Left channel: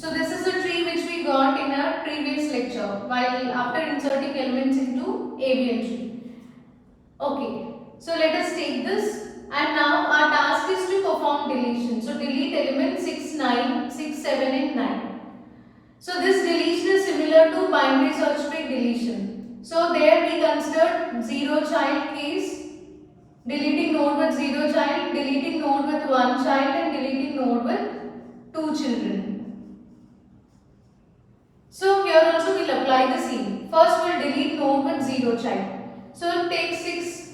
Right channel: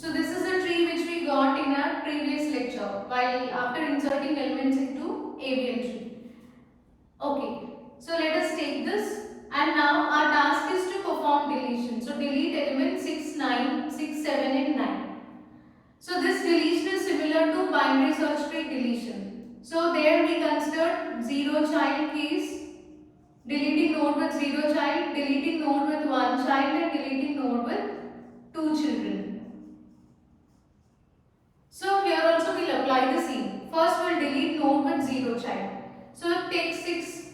So this is a tree which we got in our previous lecture while after inserting elements into avian tree. Okay, so let us take this, and now our task is to perform deletion. So delete elements 6, 9, 6, 7 and 9. So this deletion is similar to binary search tree deletion. So there we considered 0 child case, deleting node with 0 child, deleting node with 1 child and deleting node with 2 children. So here also we will apply the same. First we will delete node with 0 child. So take 6.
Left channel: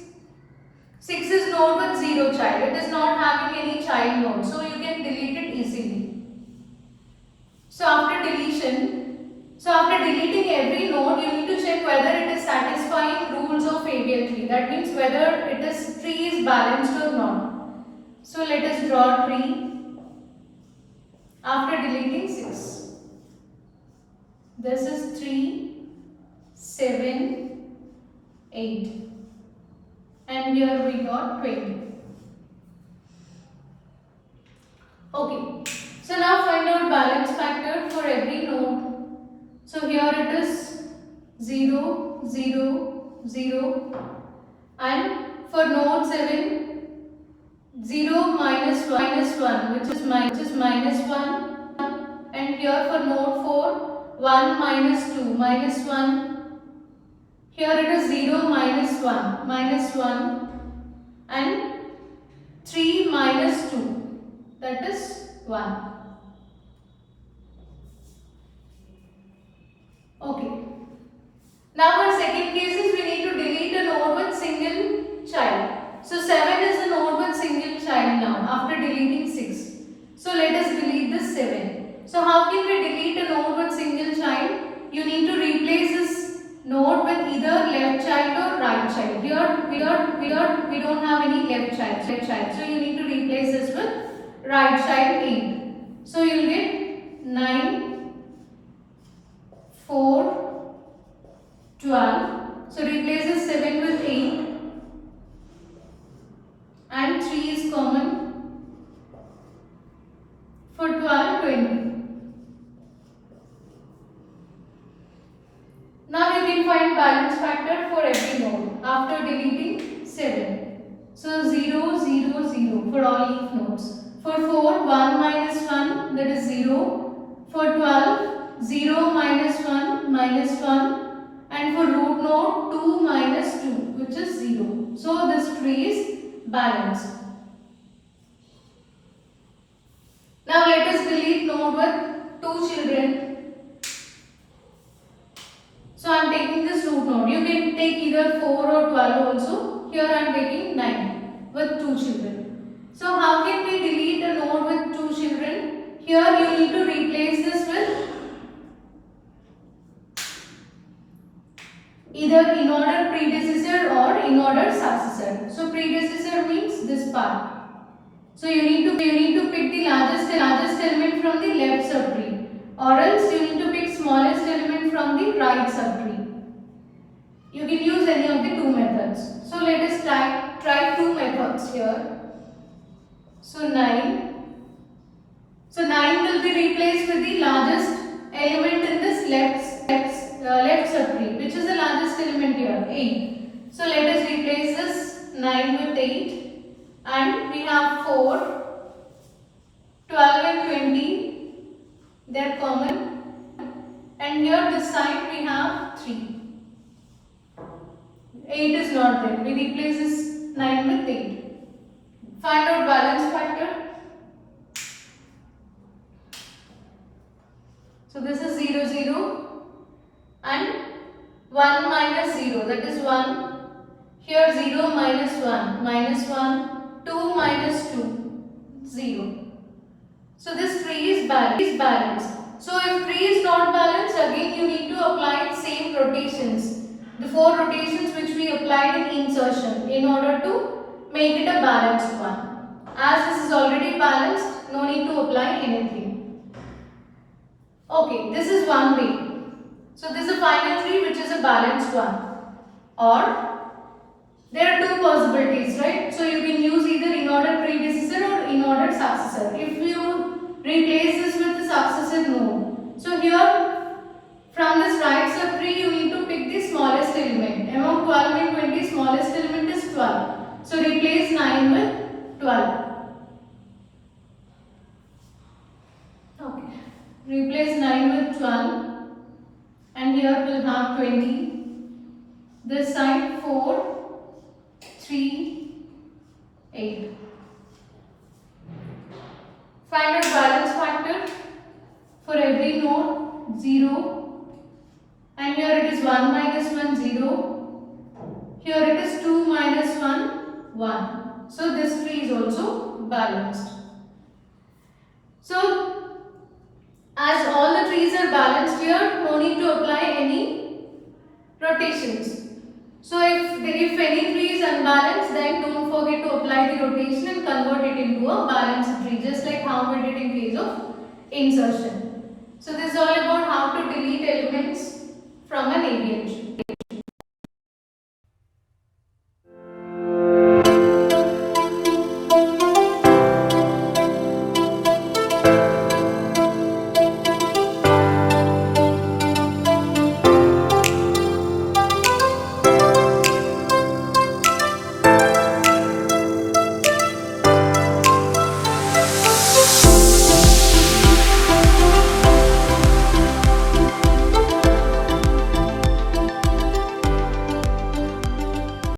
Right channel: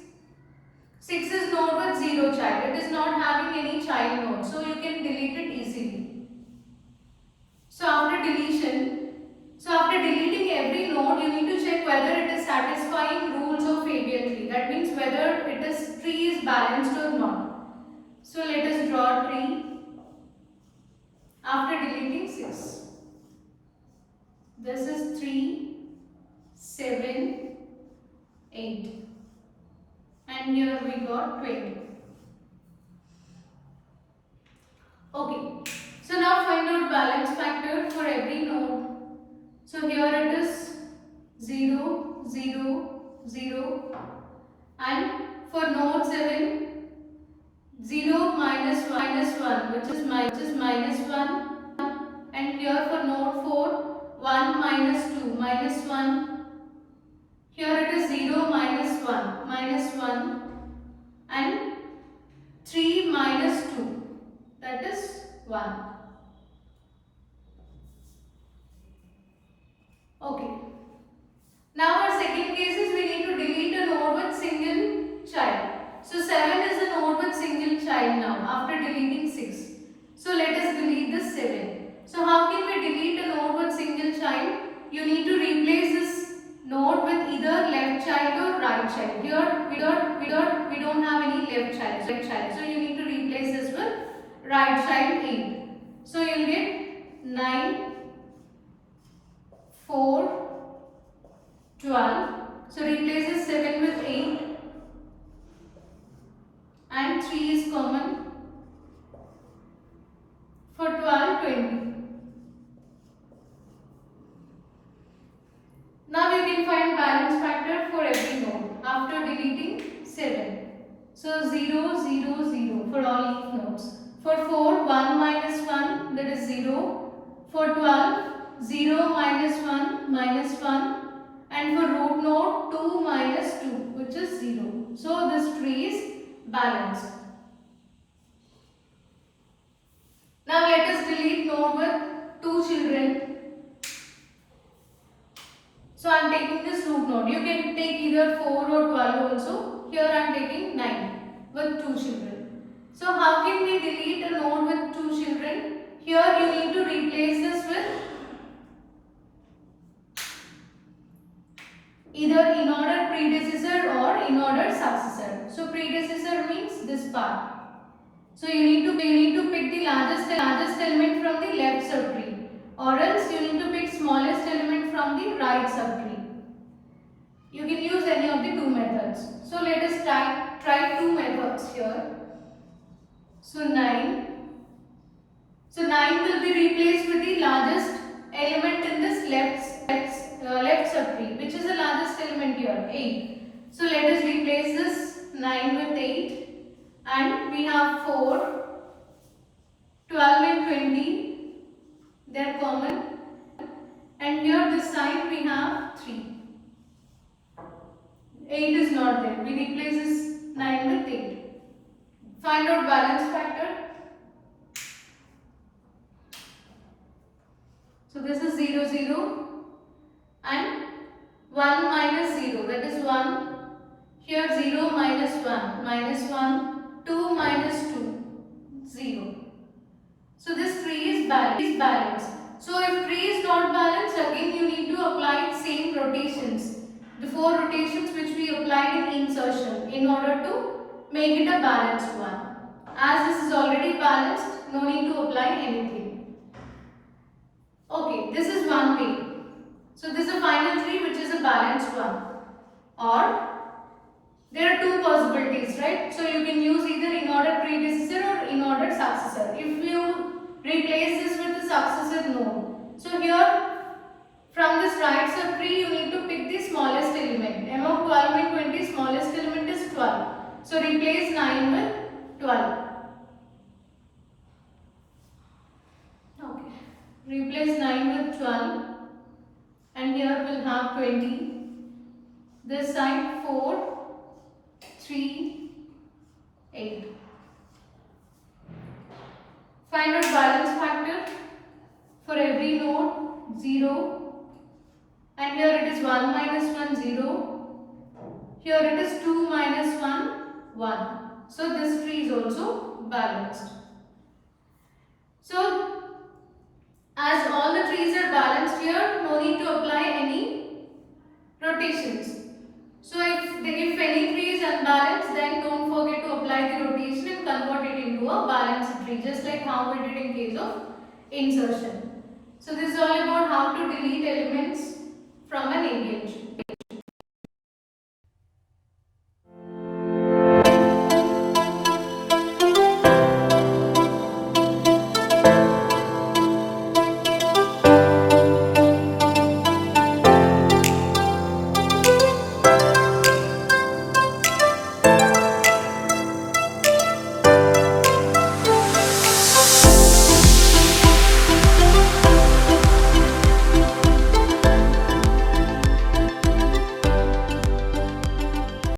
6 is node with 0 child. It is not having any child node. So you can delete it easily. So after deleting every node, you need to check whether it is satisfying rules of avian tree. That means whether tree is balanced or not. So let us draw tree after deleting 6. This is 3, 7, 8. And here we got 20. Okay. So now find out balance factor for every node. So here it is 0, 0, 0. And for node 7, 0 minus 1 which is minus 1. And here for node 4, 1 minus 2 minus 1. Here it is 0 minus 1 and 3 minus 2, that is 1. Okay. Now our second case is we need to delete a node with single child. So 7 is a node with single child now after deleting 6. So let us delete this 7. So how can we delete a node with single child? You need to replace this node with either left child or right child. Here we don't have any left child. So you need to replace this with right child 8. So you will get 9, 4, 12. So replace this 7 with 8 and 3 is common. For 12, 20. Now you can find balance factor for every node after deleting 7. So 0, 0, 0 for all leaf nodes. For 4, 1 minus 1, that is 0. For 12, 0 minus 1 minus 1. And for root node, 2 minus 2 which is 0. So this tree is balanced. Now let us delete node with 2 children. So I am taking this root node. You can take either 4 or 12 also. Here I am taking 9 with 2 children. So how can we delete a node with 2 children? Here you need to replace this with either in order predecessor or in order successor. So predecessor means this part. So you need to pick the largest element from the left subtree, or else you need to pick smallest element from the right subtree. You can use any of the two methods. So let us try two methods here. So 9. So 9 will be replaced with the largest element in this left subtree. Which is the largest element here? 8. So let us replace this 9 with 8. And we have 4, 12 and 20, they are common, and here this side we have 3. 8 is not there, we replace this 9 with 8. Find out balance factor. So this is 0, 0 and 1 minus 0, that is 1. Here 0 minus 1, minus 1. 2 minus 2, 0. So this tree is balanced. So if tree is not balanced, again you need to apply same rotations. The 4 rotations which we applied in insertion in order to make it a balanced one. As this is already balanced, no need to apply anything. Okay, this is one way. So this is a final tree which is a balanced one. Or there are two possibilities, right? So you can use either in order predecessor or in order successor. If you replace this with the successor node, So here from this right subtree you need to pick the smallest element. Among 12 and 20 smallest element is 12. So replace 9 with 12. Okay. Replace 9 with 12 and here we'll have 20. This side 4, 3, 8. Find out balance factor for every node 0 and here it is 1 minus 1 0. Here it is 2 minus 1 1. So this tree is also balanced. So as all the trees are balanced here, no need to apply any rotations. So if any tree is unbalanced, then don't forget to apply the rotation and convert it into a balanced tree, just like how we did in case of insertion. So this is all about how to delete elements from an abl tree.